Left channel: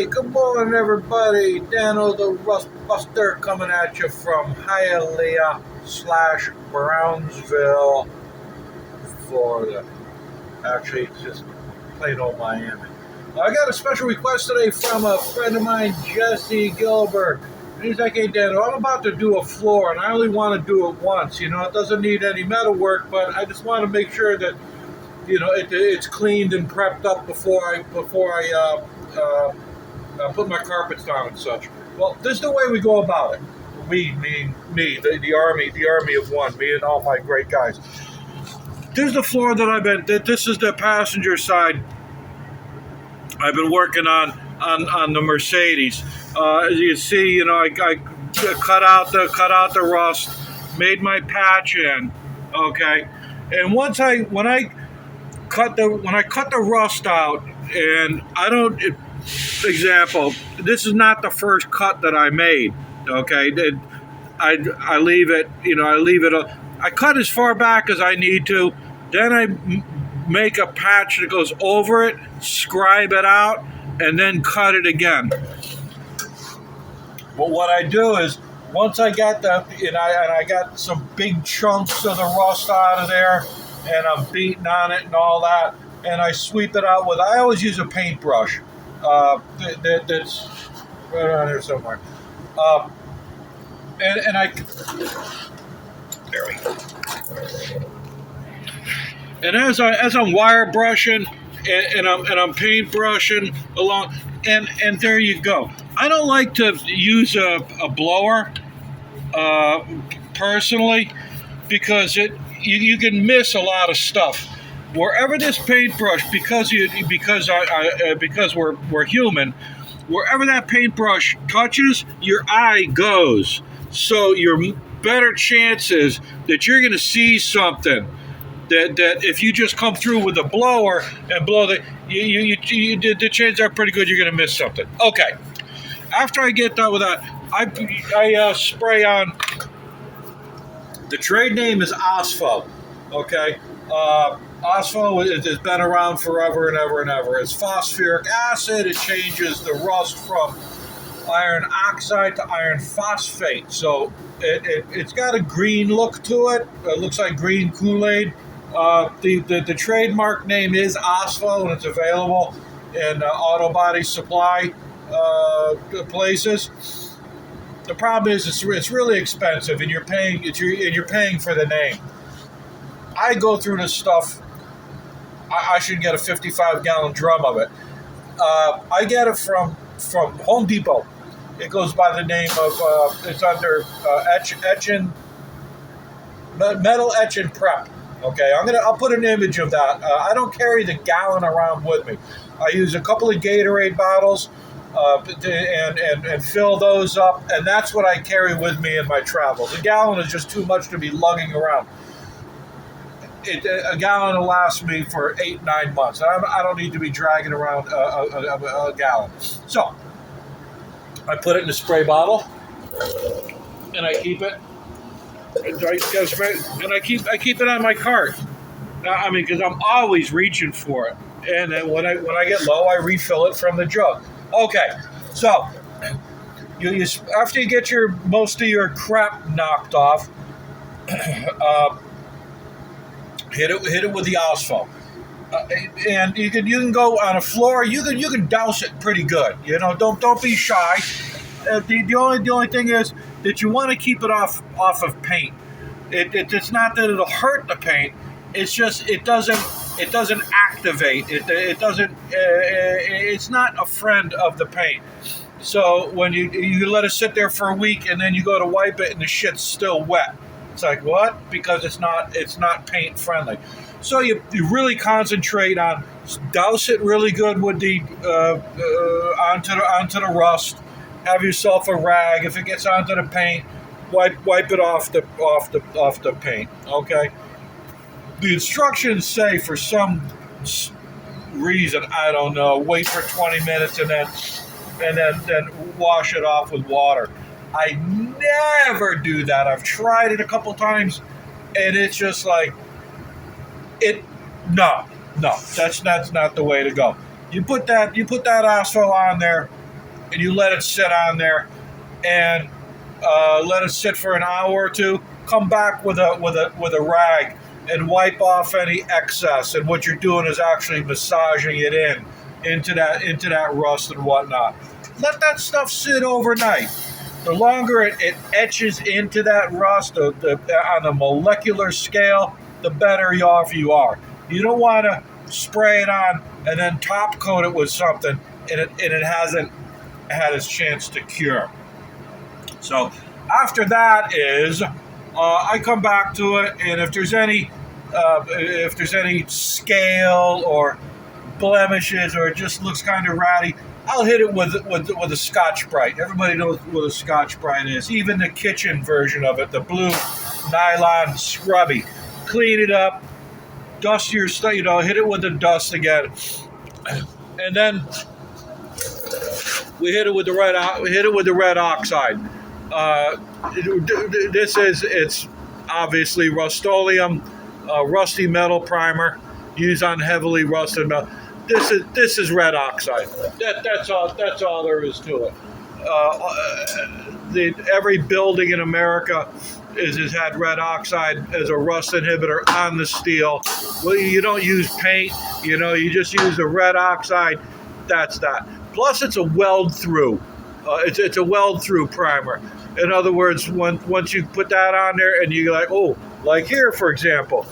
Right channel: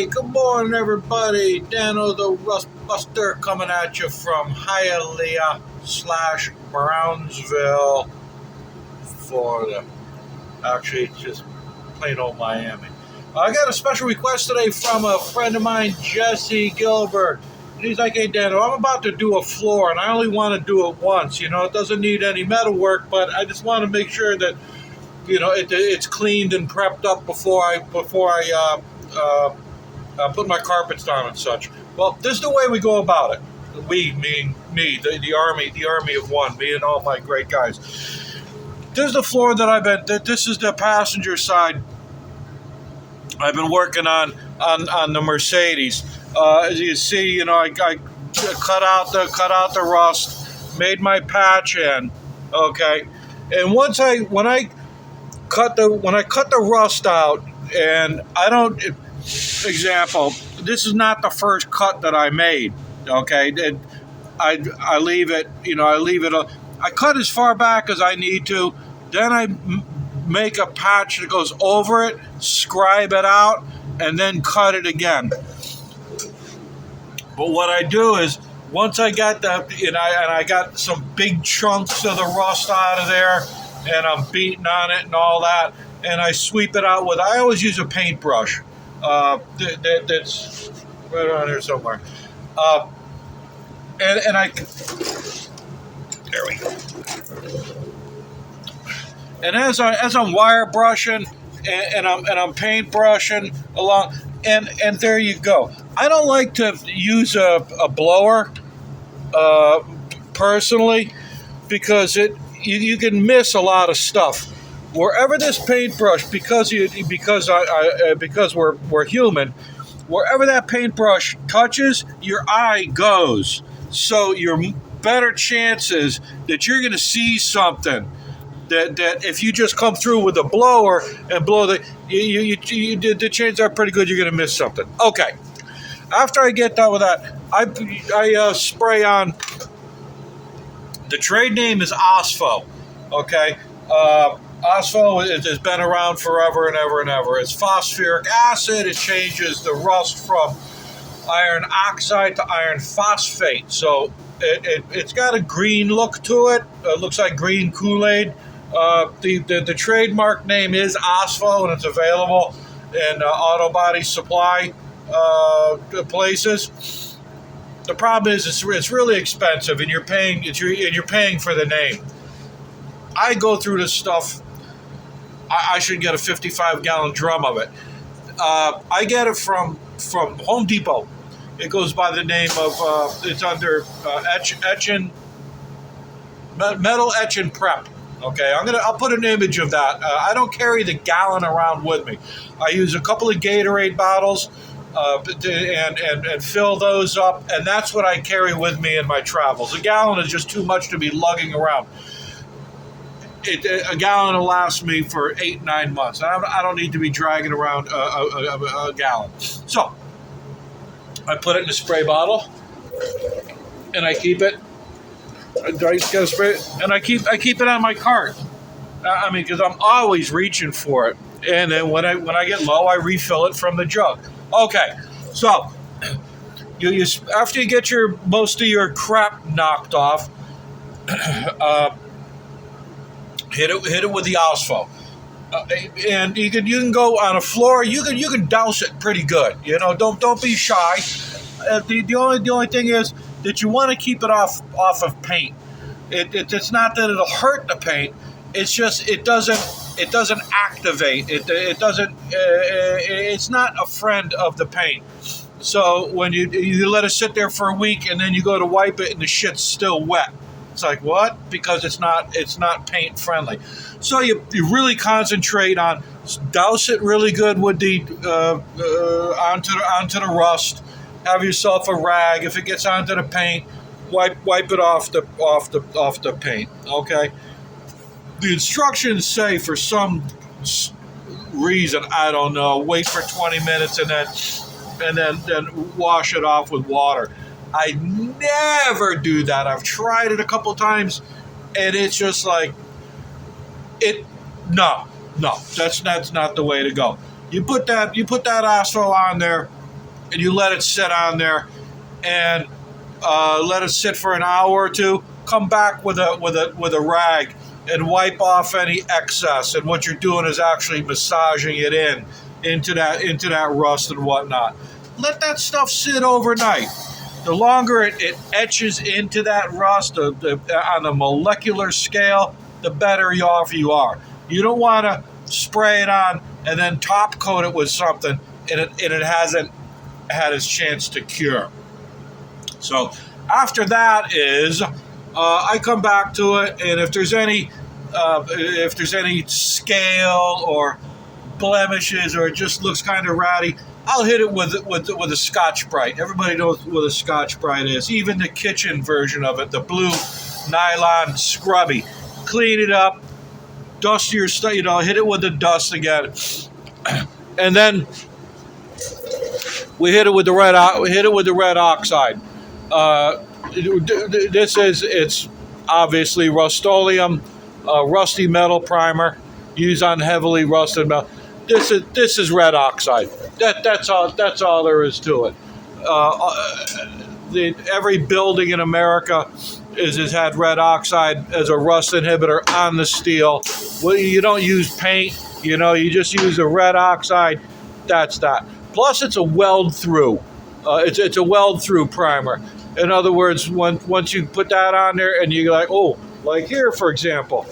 Hey, good morning, everybody. Dano the Rust Buster coming at you from Hialeah/Brownsville, Florida. Actually, it's just plain old Miami. I got a special request today from a friend of mine, Jesse Gilbert. And he's like, hey, Dano, I'm about to do a floor, and I only want to do it once. You know, it doesn't need any metal work, but I just want to make sure that, you know, it's cleaned and prepped up before I put my carpets down and such. Well, this is the way we go about it. We, meaning me, the army of one, me and all my great guys. This is the floor that this is the passenger side I've been working on the Mercedes. As you see, you know, I cut out the rust, made my patch in, okay, and when I cut the rust out, and I don't. Example, this is not the first cut that I made, okay? I leave it, you know, I cut as far back as I need to, then I make a patch that goes over it, scribe it out, and then cut it again. But what I do is, once I got I got some big chunks of the rust out of there, and I'm beating on it and all that, and I sweep it out I always use a paintbrush. That's right around here somewhere. And I, there we go. And as I'm wire brushing and I'm paint brushing along, and there you go. I don't like to use a blower, personally, because you can miss a lot of stuff. Wherever this paintbrush, because we're human, wherever that paintbrush touches, your eye goes. So your better chances that you're going to see something that if you just come through with a blower and blow the chances are pretty good you're going to miss something. Okay, after I get done with that, I spray on. The trade name is Osfo. Okay. Osfo has been around forever and ever and ever. It's phosphoric acid. It changes the rust from iron oxide to iron phosphate. So it's got a green look to it. It looks like green Kool-Aid. The trademark name is Osfo, and it's available in auto body supply places. The problem is it's really expensive, and you're paying for the name. I go through this stuff. I should get a 55-gallon drum of it. I get it from Home Depot. It goes by the name of, it's under metal etch and prep. Okay, I'll put an image of that. I don't carry the gallon around with me. I use a couple of Gatorade bottles and fill those up, and that's what I carry with me in my travels. A gallon is just too much to be lugging around. A gallon will last me for 8-9 months. I don't need to be dragging around a gallon. So I put it in a spray bottle, and I keep it. And I keep it on my cart. I mean, because I'm always reaching for it. And then when I get low, I refill it from the jug. Okay, so you after you get most of your crap knocked off. Hit it with the Osfo, and you can go on a floor. You can douse it pretty good. You know, don't be shy. The only thing is that you want to keep it off of paint. It's not that it'll hurt the paint. It's just it doesn't activate. It doesn't. It's not a friend of the paint. So when you let it sit there for a week and then you go to wipe it and the shit's still wet. It's like, what? Because it's not paint friendly. So you really concentrate on douse it really good with the onto the rust. Have yourself a rag. If it gets onto the paint, wipe it off the paint. Okay. The instructions say, for some reason, I don't know, wait for 20 minutes and then wash it off with water. I never do that. I've tried it a couple times, and it's just like no, that's not the way to go. You put that asphalt on there, and you let it sit on there, and let it sit for an hour or two. Come back with a rag and wipe off any excess. And what you're doing is actually massaging it into that rust and whatnot. Let that stuff sit overnight. The longer it etches into that rust on the molecular scale, the better off you are. You don't want to spray it on and then top coat it with something and it hasn't had its chance to cure. So after that is I come back to it, and if there's any scale or blemishes or it just looks kind of ratty, I'll hit it with a Scotch-Brite. Everybody knows what a Scotch-Brite is. Even the kitchen version of it, the blue nylon scrubby. Clean it up, dust your stuff, hit it with the dust again, and then we hit it with the red oxide. It's obviously Rust-Oleum, rusty metal primer used on heavily rusted metal. This is red oxide. That's all there is to it. Every building in America has had red oxide as a rust inhibitor on the steel. Well, you don't use paint, you just use a red oxide. That's that. Plus, it's a weld through. It's a weld through primer. In other words, once you put that on there, and you're like, oh, like here, for example.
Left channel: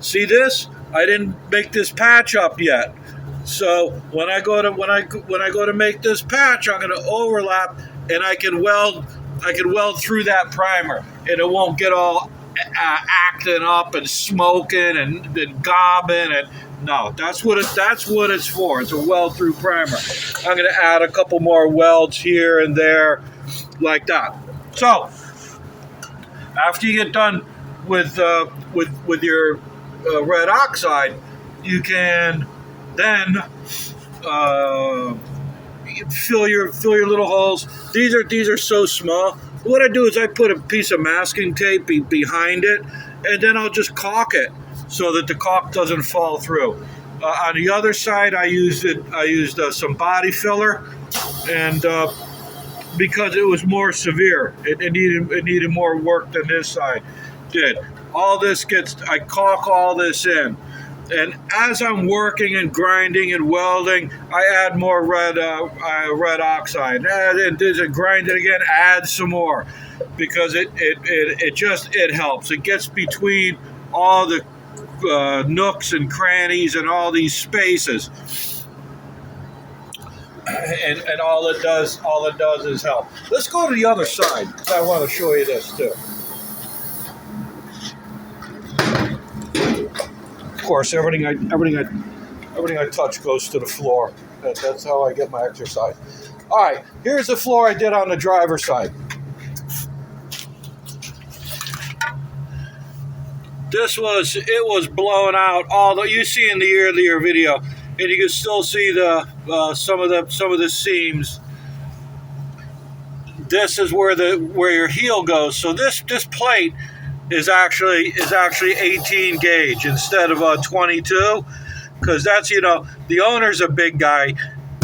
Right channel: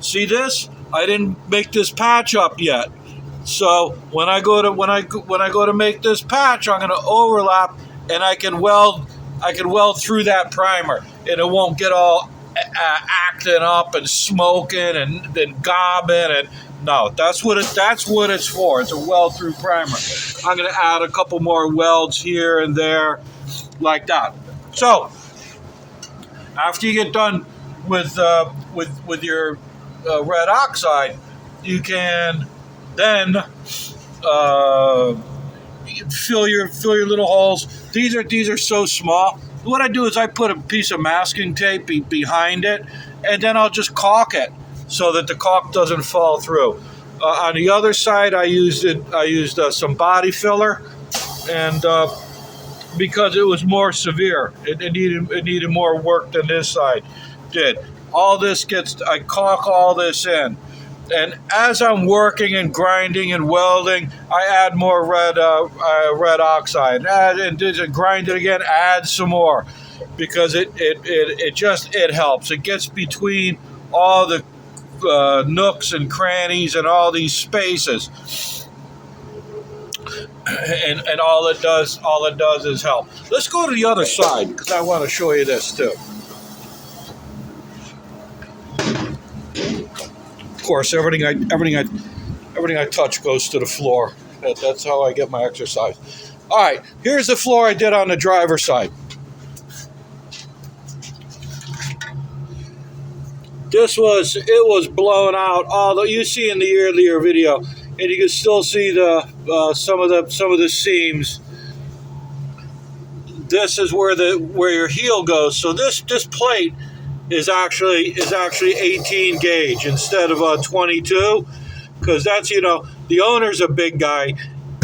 See this? I didn't make this patch up yet. So when I go to make this patch, I'm going to overlap, and I can weld through that primer, and it won't get all acting up and smoking and then gobbing. And no, that's what it's for. It's a weld through primer. I'm going to add a couple more welds here and there, like that. So after you get done with your red oxide, you can then fill your little holes. These are so small. What I do is I put a piece of masking tape behind it, and then I'll just caulk it so that the caulk doesn't fall through. On the other side, I used some body filler, and because it was more severe, it needed more work than this side did. I caulk all this in. And as I'm working and grinding and welding, I add more red oxide. And grind it again, add some more, because it helps. It gets between all the nooks and crannies and all these spaces. And all it does is help. Let's go to the other side, because I want to show you this too. Of course, everything I touch goes to the floor. That's how I get my exercise. All right, here's the floor I did on the driver's side. It was blown out. You see in the earlier video, and you can still see some of the seams. This is where your heel goes. So this plate is actually 18 gauge instead of 22, because that's, the owner's a big guy,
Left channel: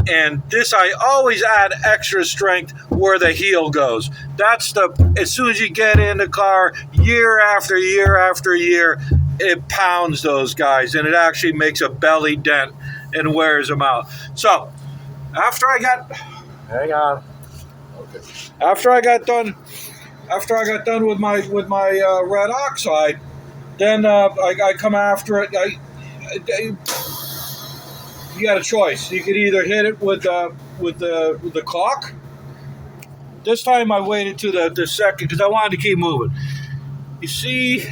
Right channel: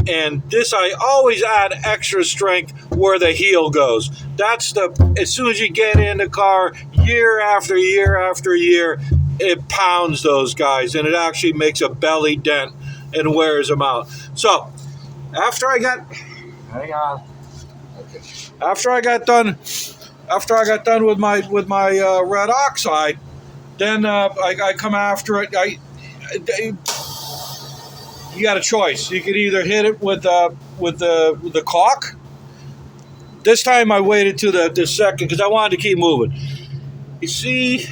and this, I always add extra strength where the heel goes. As soon as you get in the car, year after year after year, it pounds those guys, and it actually makes a belly dent and wears them out. So after I got done with my red oxide, then I come after it. You got a choice. You could either hit it with the caulk. This time I waited to the second, because I wanted to keep moving. You see,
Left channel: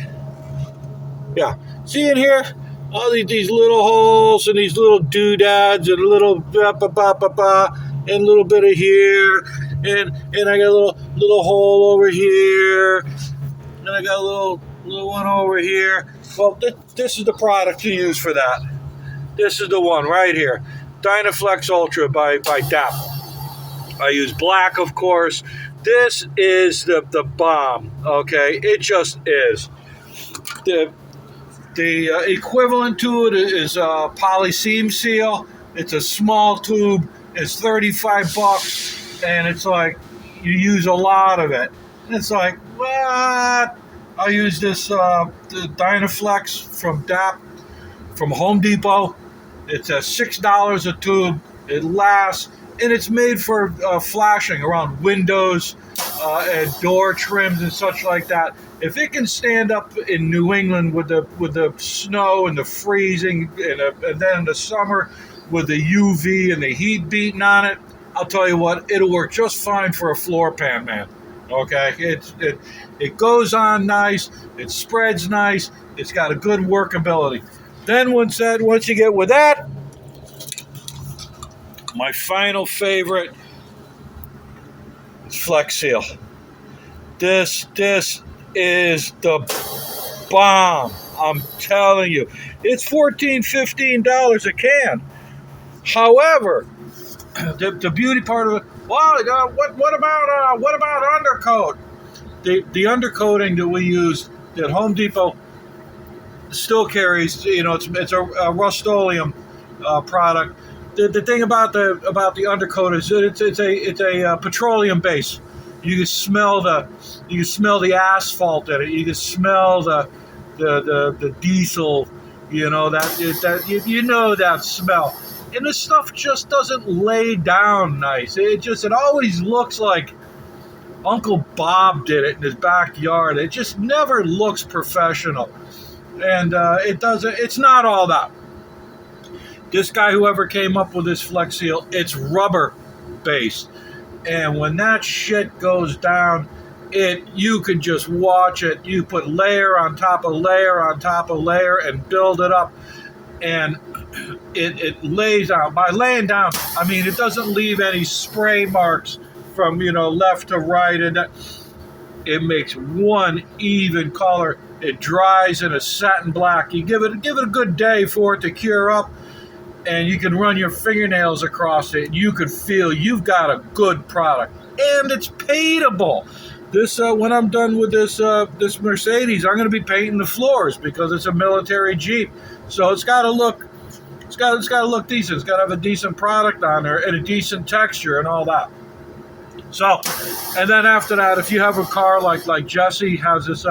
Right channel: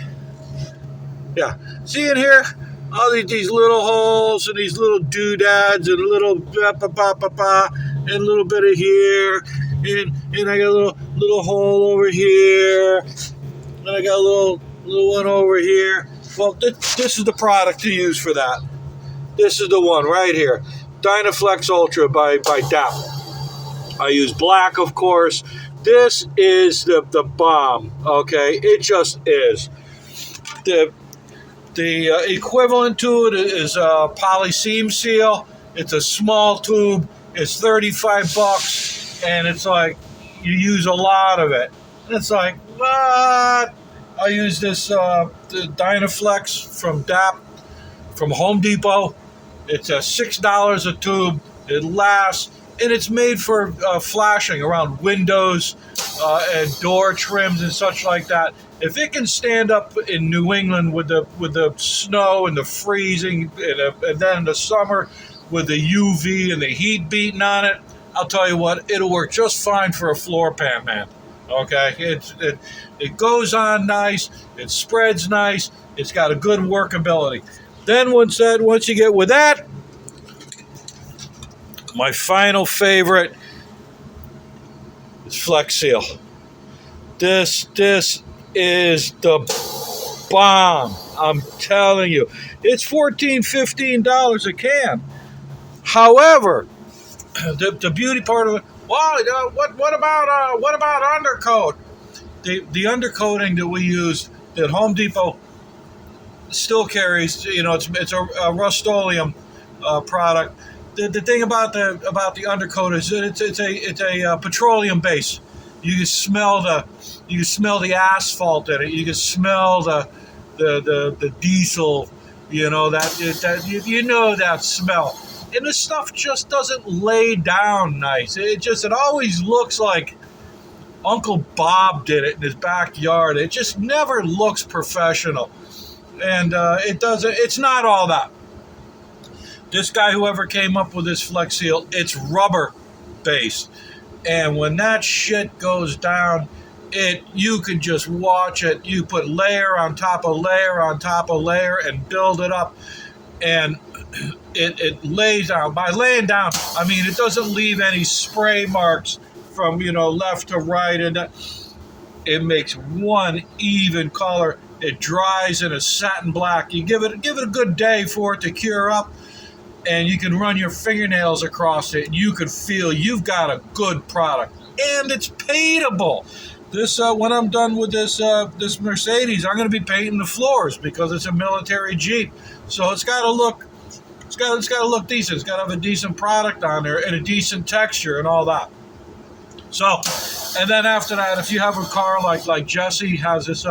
see in here, all these little holes and these little doodads and little and a little bit of here. And I got a little hole over here, and I got a little one over here. Well, this is the product to use for that. This is the one right here, Dynaflex Ultra by Dano. I use black, of course. This is the bomb. Okay, it just is. The equivalent to it is Poly Seam Seal. It's a small tube. It's $35, and it's like you use a lot of it. And it's like, what? I use this the Dynaflex from from Home Depot. It's at $6 a tube. It lasts, and it's made for flashing around windows and door trims and such like that. If it can stand up in New England with the snow and the freezing, and then in the summer with the UV and the heat beating on it, I'll tell you what, it'll work just fine for a floor pan, man. Okay, it goes on nice, it spreads nice, it's got a good workability. Then once you get with that, my final favorite is Flex Seal. This is the bomb. I'm telling you, it's $14-15 a can. However, the beauty part of it. Well, what about undercoat? The undercoating that we use that Home Depot still carries, it's a Rust-Oleum product. The thing about the undercoat is that it's a petroleum base. You can smell the asphalt in it. You can smell the diesel. You know that smell. And this stuff just doesn't lay down nice. It always looks like Uncle Bob did it in his backyard. It just never looks professional. And it's not all that. This guy, whoever came up with this Flex Seal, it's rubber based. And when that shit goes down, you can just watch it. You put layer on top of layer on top of layer and build it up. And it lays down. By laying down, I mean it doesn't leave any spray marks from left to right, and it makes one even color. It dries in a satin black. You give it a good day for it to cure up, and you can run your fingernails across it, and you can feel you've got a good product, and it's paintable. This when I'm done with this Mercedes, I'm going to be painting the floors because it's a military Jeep, so it's got to look. It's got to look decent. It's got to have a decent product on there and a decent texture and all that. So, and then after that, if you have a car like Jesse has this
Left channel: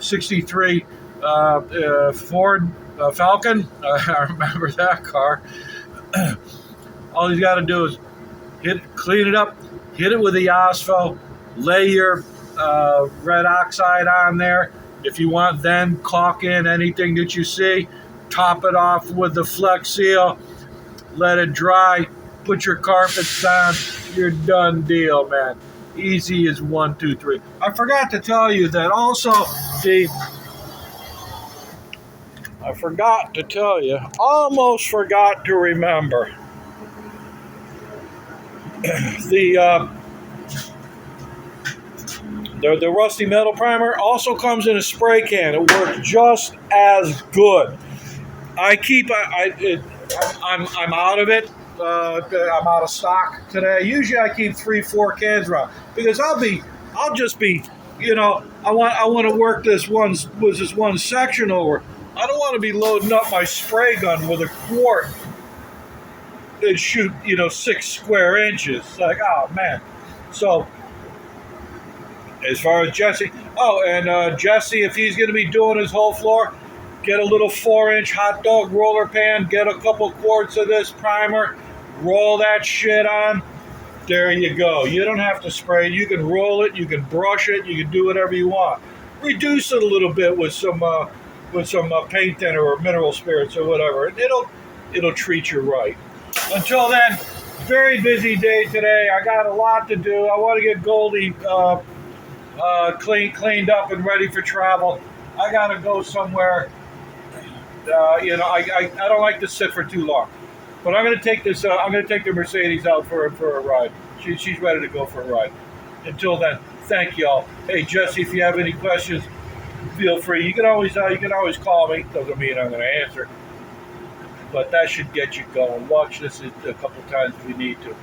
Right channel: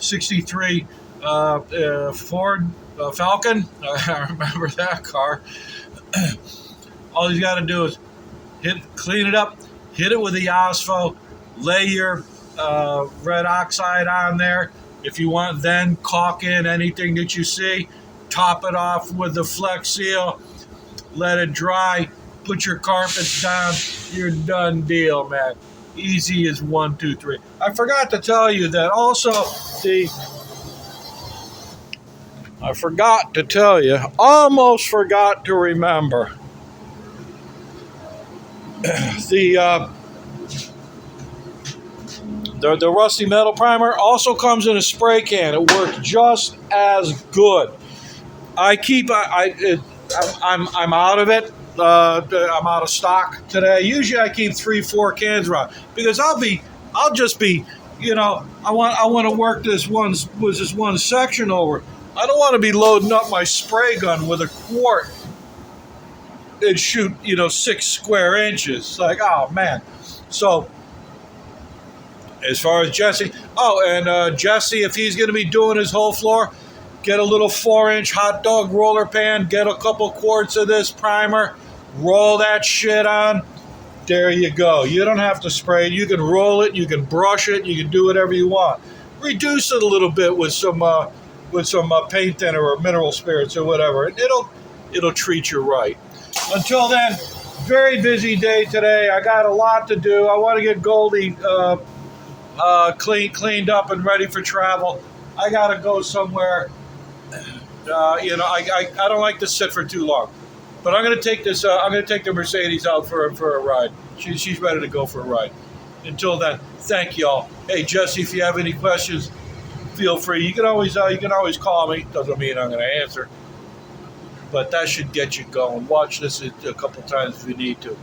63 Ford Falcon, I remember that car. All you got to do is clean it up, hit it with the Ospo, lay your red oxide on there. If you want, then caulk in anything that you see. Top it off with the Flex Seal, let it dry, put your carpets down, you're done deal, man. Easy as 1, 2, 3. I forgot to tell you that also almost forgot to remember, the rusty metal primer also comes in a spray can. It works just as good. I'm out of it. I'm out of stock today. Usually I keep 3-4 cans around because I'll just be, I want to work this one section over. I don't want to be loading up my spray gun with a quart and shoot, 6 square inches. Like, oh man. So as far as Jesse, Jesse, if he's going to be doing his whole floor, get a little 4-inch hot dog roller pan, get a couple quarts of this primer, roll that shit on. There you go. You don't have to spray it. You can roll it, you can brush it, you can do whatever you want. Reduce it a little bit with some paint thinner or mineral spirits or whatever, and it'll treat you right. Until then, very busy day today. I got a lot to do. I want to get Goldie cleaned up and ready for travel. I got to go somewhere. I don't like to sit for too long, but I'm going to take this. I'm going to take the Mercedes out for a ride. She's ready to go for a ride. Until then, thank y'all. Hey Jesse, if you have any questions, feel free. You can always call me. Doesn't mean I'm going to answer, but that should get you going. Watch this a couple times if you need to.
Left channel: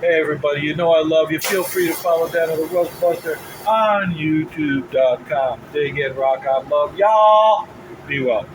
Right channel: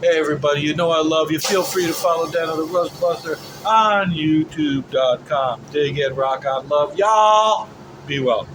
Hey everybody, I love you. Feel free to follow Dano the Rustbuster on YouTube.com. Dig in, rock on, love y'all. Be well.